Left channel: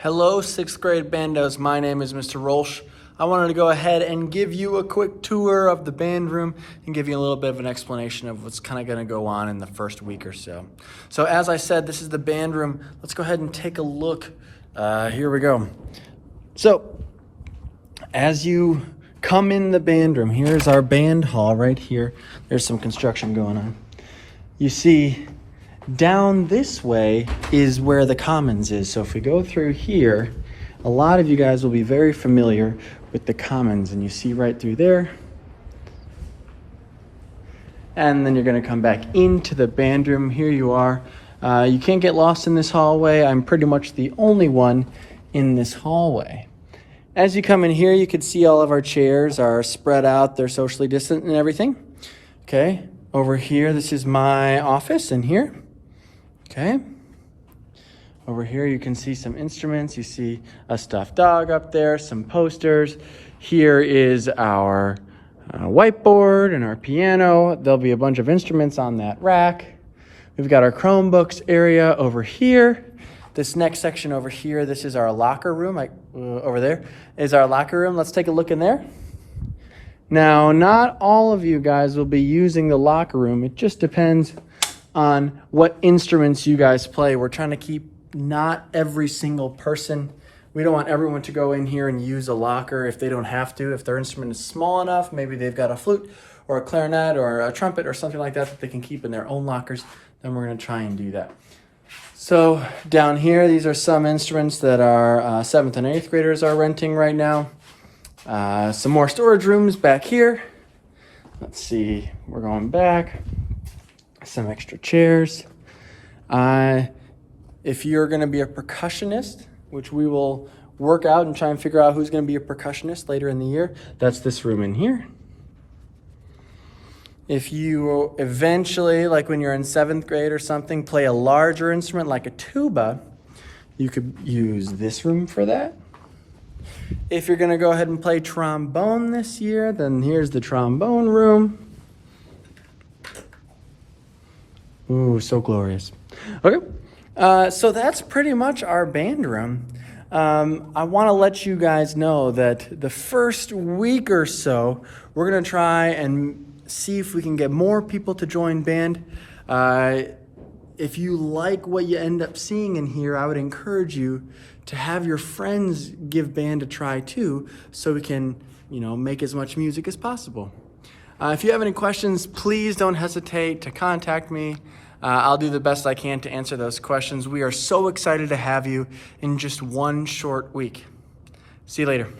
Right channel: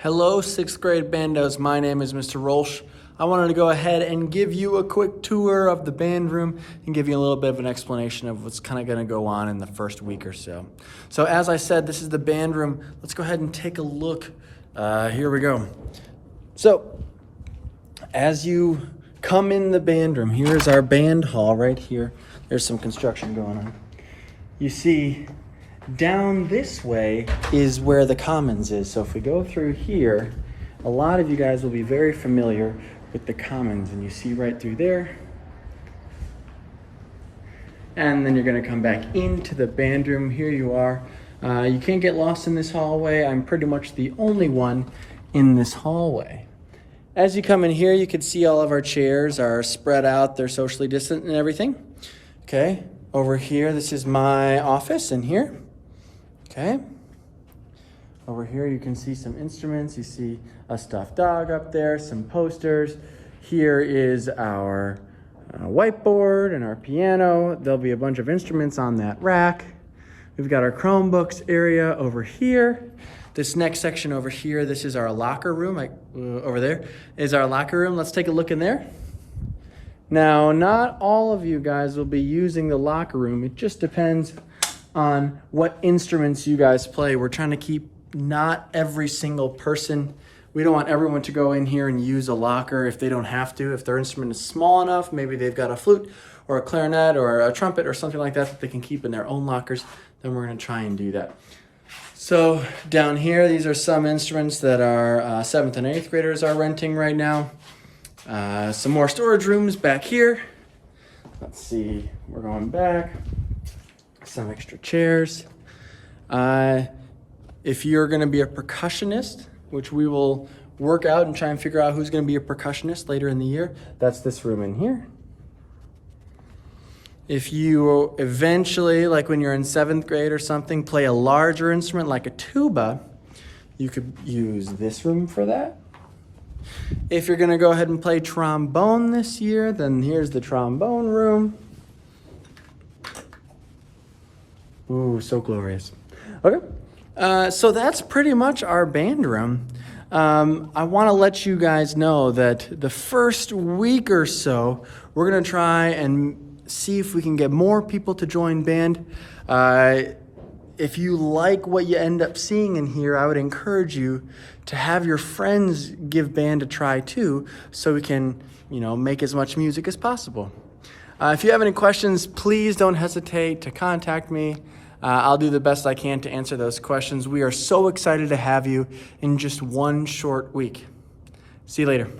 Hello, sixth grade bandos. My name is Mr. Rolsch. I wanted to go ahead and give you a quick tour of the band room and give you a little bit of an explanation of what's kind of going to go on in the first week or so. So as I said, this is the band room. Let's go ahead and take a look. Here we go. So as you come in the band room, here's our band hall right here. There's some construction going on. You see, down this way is where the commons is. So if we go through here, a lot of you guys will be very familiar with the commons, and you see right through there. And then you're gonna come back into the band room. Here you are. You can't get lost in this hallway. I'm pretty much the only one in this hallway. As you come in here, you can see all of our chairs are spread out. They're socially distant and everything. Okay, over here, this is my office in here. Okay. Over here, you can see some instruments. You see a stuffed dog up there, some posters. Here is our whiteboard and our piano. There'll be a bunch of instruments on that rack. We've got our Chromebooks area over here. This next section over here, this is our locker room. Over there is our locker room. Let's take a look in there. Now, not all of you guys will be using the locker room. It just depends on what instruments you guys play. We're trying to keep not every single person. We don't want everyone to go in here and use a locker if they don't have to. If their instrument is small enough, maybe they've got a flute or a clarinet or a trumpet or something like that that they can keep in their own lockers, then we're going to try and do that. So down here, these are some instruments that our 7th and 8th graders are renting right now. Some more storage rooms back here. Let's see, we're going back. Some extra chairs. If you're going to be a percussionist, which we will work out and try and figure out who's going to be a percussionist later in the year, that's this room in here. If you eventually, like when you're in 7th grade or something, play a larger instrument like a tuba, you could use this room for that. If you're going to go ahead and play trombone this year, then here's the trombone room. Ooh, so glorious. Okay, so that's pretty much our band room. I want to let you guys know that the first week or so, we're going to try and see if we can get more people to join band. If you like what you end up seeing in here, I would encourage you to have your friends give band a try too, so we can, make as much music as possible. If you have any questions, please don't hesitate to contact me. I'll do the best I can to answer those questions. We are so excited to have you in just one short week. See you later.